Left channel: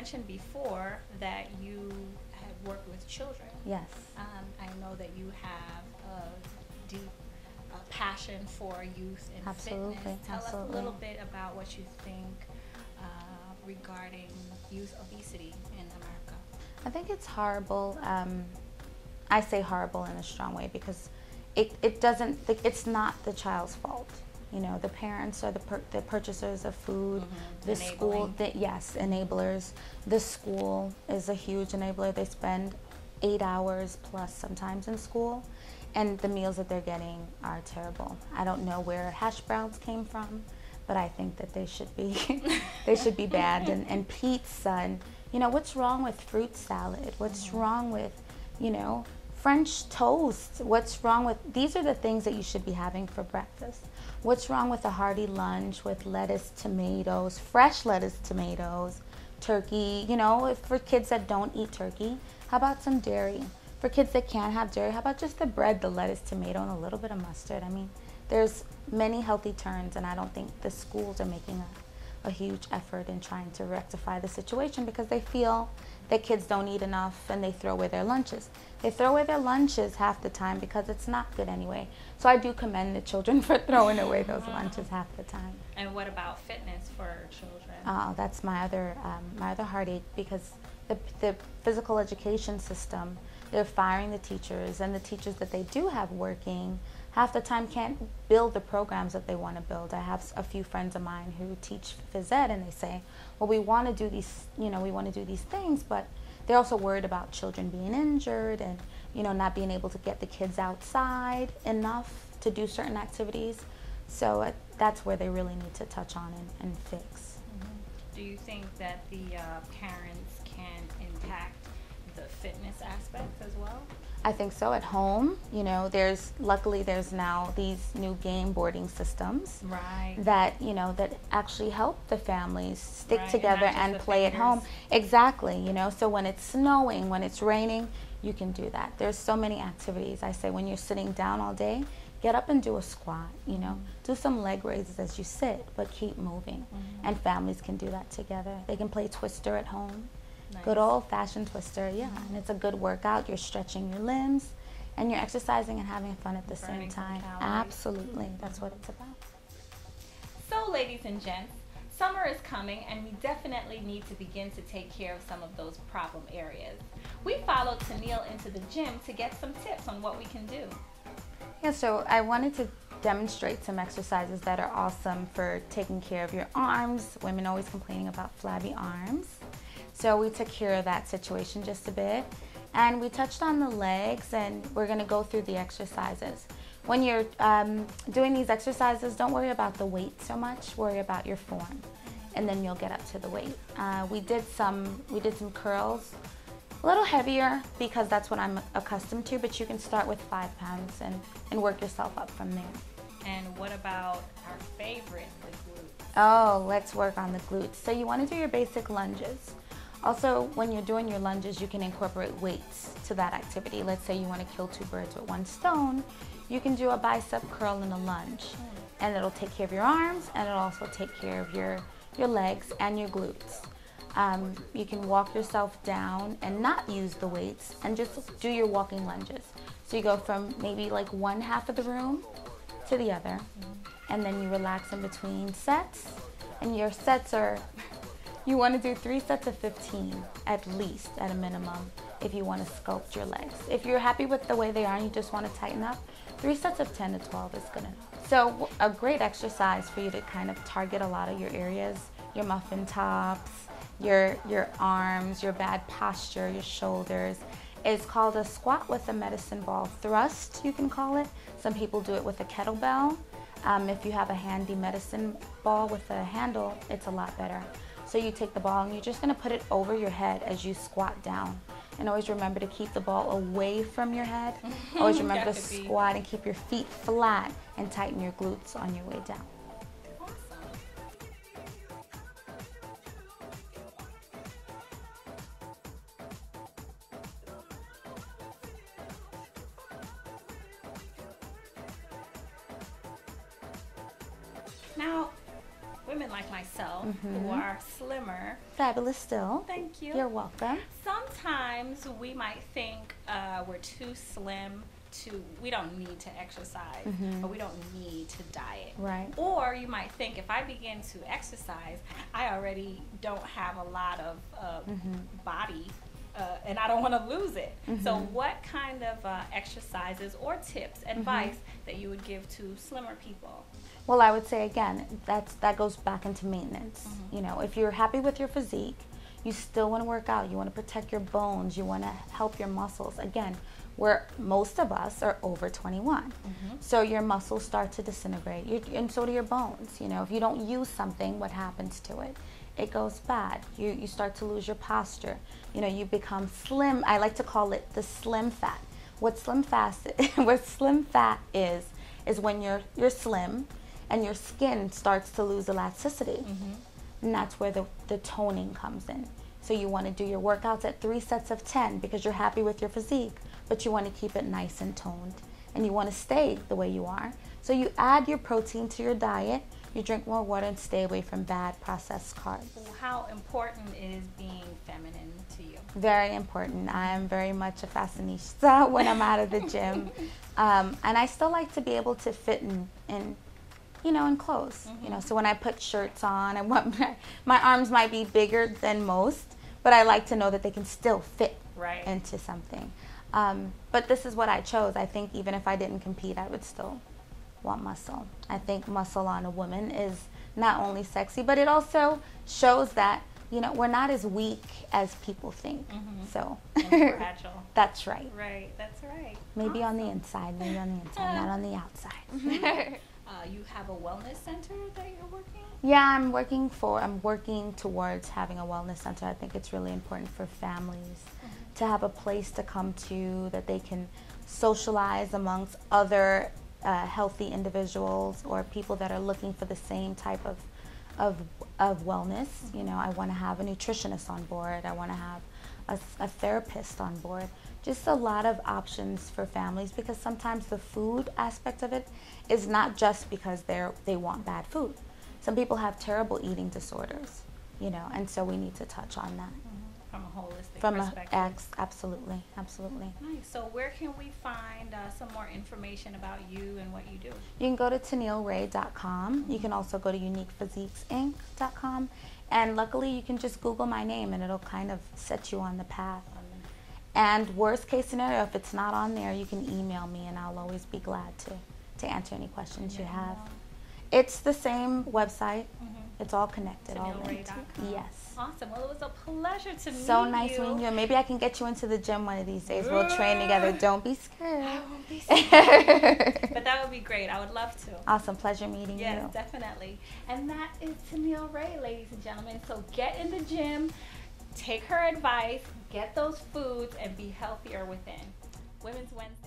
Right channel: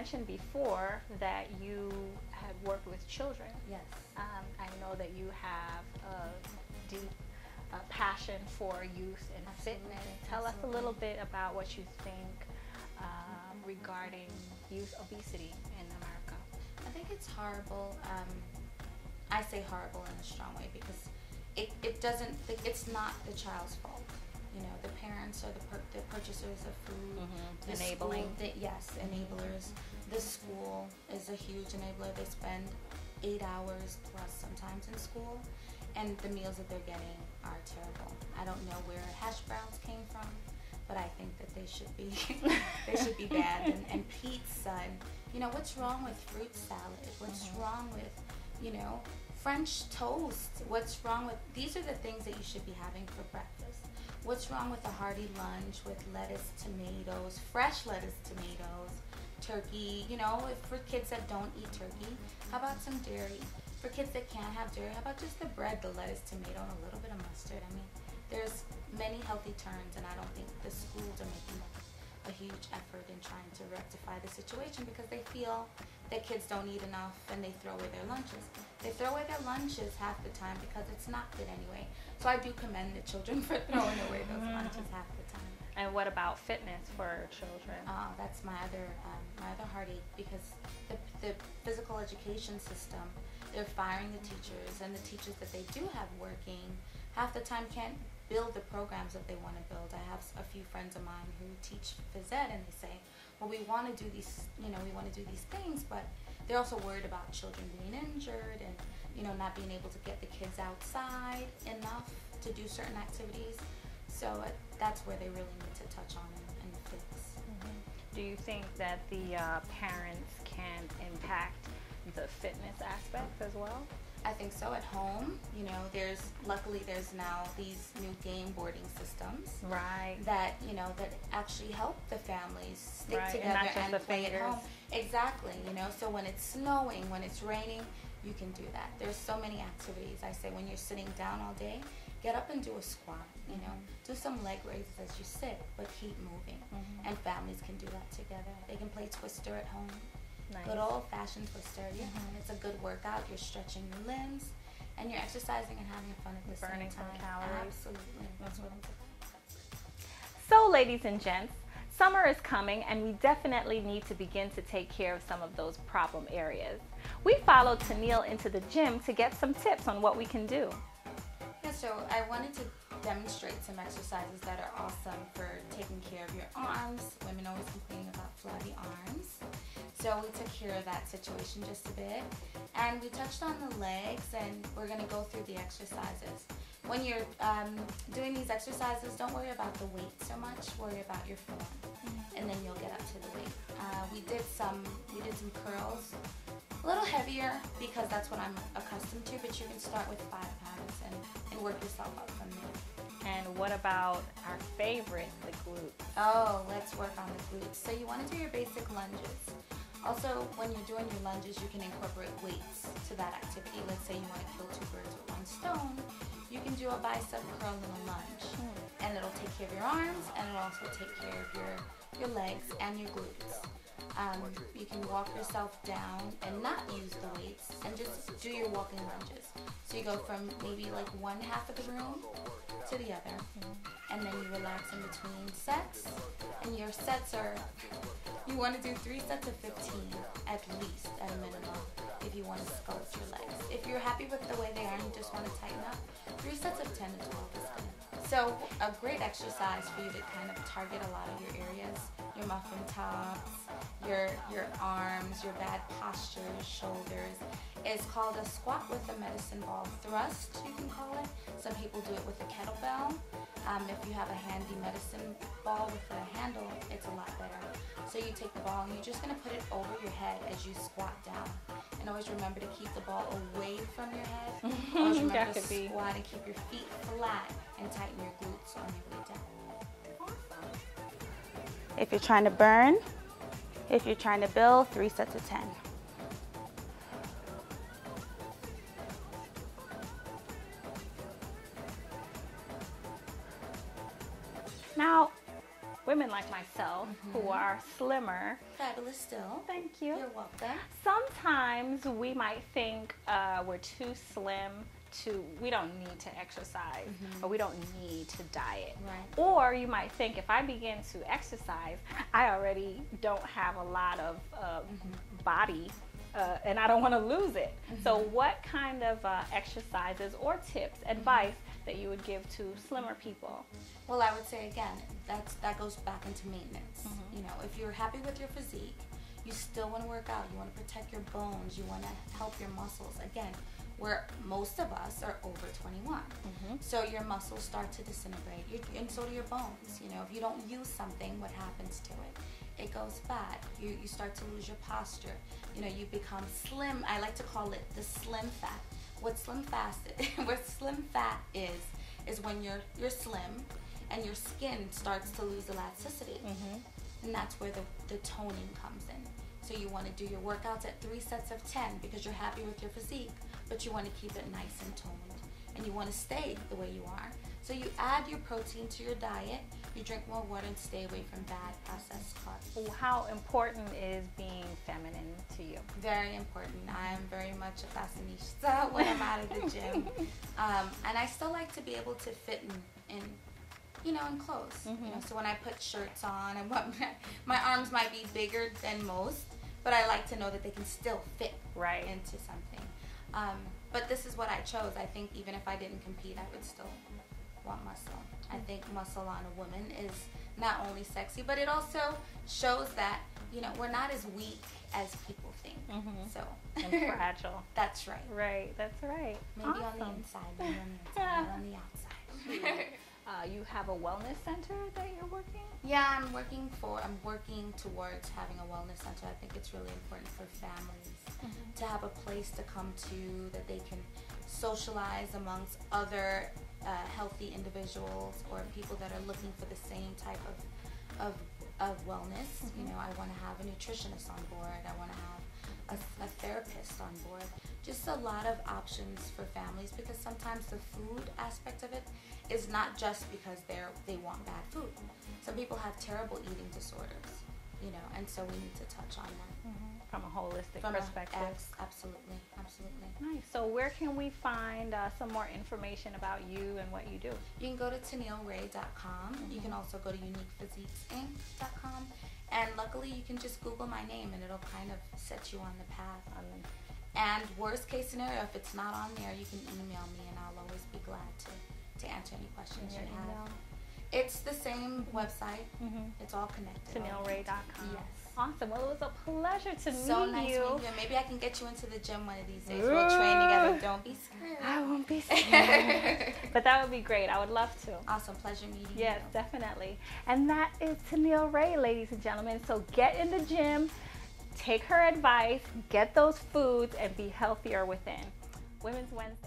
mentioned before that you have worked with children. Yes. I know that you have a deep passion for youth and Absolutely. fitness. Tell us Absolutely. a little bit about what you think regarding youth obesity in America. I think it's horrible. I say horrible in a strong way because it doesn't, it's not the child's fault. You know, the parents are the purchasers of food, the school, yes, enablers. The school is a huge enabler. They spend 8 hours plus sometimes in school, and the meals that they're getting are terrible. I don't know where hash browns came from, but I think that they should be they should be banned. And pizza, and you know, what's wrong with fruit salad? What's wrong with, you know, French toast? What's wrong with, these are the things that you should be having for breakfast. What's wrong with a hearty lunch with lettuce, tomatoes, fresh lettuce, tomatoes, turkey? You know, for kids that don't eat turkey, how about some dairy? For kids that can't have dairy, how about just the bread, the lettuce, tomato, and a little bit of mustard? I mean, there's many healthy turns, and I don't think the schools are making a huge effort in trying to rectify the situation because they feel that kids don't eat enough and they throw away their lunches. They throw away their lunches half the time because it's not good anyway. So I do commend the children for throwing away those lunches half the time. And what about fitness for children? Oh, that's my other heartache because the physical education system, they're firing the teachers, and the teachers that they do have working half the time can't build the programs that they want to build. I have a few friends of mine who teach phys ed, and they say, well, we want to do these, you know, we want to do these things, but they're also worried about children being injured and, you know, not being able to get the kids outside enough to do certain activities. So that's where they really need to touch on and fix. Do you think that the parents can impact the fitness aspect as well? I think so. At home, you know, luckily there's now these new game boarding systems, right, that, you know, that actually help the families stick right, together and play at home. Exactly, you know, so when it's snowing, when it's raining, you can do that. There's so many activities. I say when you're sitting down all day, get up and do a squat, you know, do some leg raises as you sit, but keep moving. And families can do that together. They can play Twister at home. Nice. Good old-fashioned Twister, yeah, and it's a good workout. You're stretching your limbs, and you're exercising and having fun at the same time. Absolutely, that's what it's about. So, ladies and gents, summer is coming, and we definitely need to begin to take care of some of those problem areas. We followed Tennille into the gym to get some tips on what we can do. Yeah, so I wanted to demonstrate some exercises that are awesome for taking care of your arms. Women always complaining about flabby arms. So we took care of that situation just a bit. And we touched on the legs, and we're going to go through the exercises. When you're doing these exercises, don't worry about the weight so much. Worry about your form, and then you'll get up to the weight. We did some curls. A little heavier because that's what I'm accustomed to, but you can start with 5 pounds and work yourself up from there. And what about our favorite, the glutes? Oh, let's work on the glutes. So you want to do your basic lunges. Also, when you're doing your lunges, you can incorporate weights to that activity. Let's say you want to kill 2 birds with 1 stone. You can do a bicep curl and a lunge, and it'll take care of your arms, and it'll also take care of your legs and your glutes. You can walk yourself down and not use the weights and just do your walking lunges. So you go from maybe like one half of the room to the other, and then you relax in between sets. And your sets are, you want to do 3 sets of 15 at least, at a minimum, if you want to sculpt your legs. If you're happy with the way they are and you just want to tighten up, 3 sets of 10 to 12 is good enough. So a great exercise for you to kind of target a lot of your areas, your muffin tops, your arms, your bad posture, your shoulders, is called a squat with a medicine ball thrust, you can call it. Some people do it with a kettlebell. If you have a handy medicine ball with a handle, it's a lot better. So you take the ball and you're just going to put it over your head as you squat down. And always remember to keep the ball away from your head. Always remember to squat and keep your feet flat and tighten your glutes on your way down. If you're trying to burn, if you're trying to build, 3 sets of 10. Now, women like myself who are slimmer. Fabulous still. Thank you. You're welcome. Sometimes we might think we're too slim we don't need to exercise, or we don't need to diet. Right. Or you might think if I begin to exercise, I already don't have a lot of body, and I don't want to lose it. So what kind of exercises or tips, advice that you would give to slimmer people? Well, I would say again, that goes back into maintenance. You know, if you're happy with your physique, you still want to work out. You want to protect your bones. You want to help your muscles. Again, where most of us are over 21. So your muscles start to disintegrate, and so do your bones. You know, if you don't use something, what happens to it? It goes bad. You start to lose your posture. You know, you become slim. I like to call it the slim fat. What slim fat is when you're slim and your skin starts to lose elasticity. And that's where the toning comes in. So you want to do your workouts at 3 sets of 10 because you're happy with your physique, but you want to keep it nice and toned, and you want to stay the way you are. So you add your protein to your diet, you drink more water, and stay away from bad processed carbs. How important is being feminine to you? Very important. I am very much a fashionista when I'm out of the gym. And I still like to be able to fit in clothes. You know, so when I put shirts on, I want my arms might be bigger than most, but I like to know that they can still fit into something. But this is what I chose. I think even if I didn't compete, I would still want muscle. I think muscle on a woman is not only sexy, but it also shows that, you know, we're not as weak as people think. So fragile. That's right. Right, that's right. Maybe on the inside, not on the outside. You have a wellness center that you're working? Yeah, I'm working towards having a wellness center. I think it's really important for families to have a place to come to that they can socialize amongst other healthy individuals or people that are looking for the same type of wellness. You know, I want to have a nutritionist on board. I want to have a therapist on board. Just a lot of options for families, because sometimes the food aspect of it is not just because they want bad food. Some people have terrible eating disorders, you know, and so we need to touch on that. From a holistic perspective. Absolutely. Nice. So where can we find some more information about you and what you do? You can go to TennilleRay.com. You can also go to UniquePhysiquesInc.com. And luckily, you can just Google my name, and it'll kind of set you on the path. And worst case scenario, if it's not on there, you can email me, and I'll always be glad to answer any questions you have. It's the same website. It's all connected. TennilleRay.com. Yes. Awesome. Well, it was a pleasure to meet you. So nice meeting you. Maybe I can get you into the gym one of these days. We'll train together. Don't be scared. I won't be scared. But that would be great. I would love to. Awesome. Pleasure meeting you. Yes, definitely. And that is Tennille Ray, ladies and gentlemen. So get in the gym, take her advice, get those foods, and be healthier within. Women's Wednesday.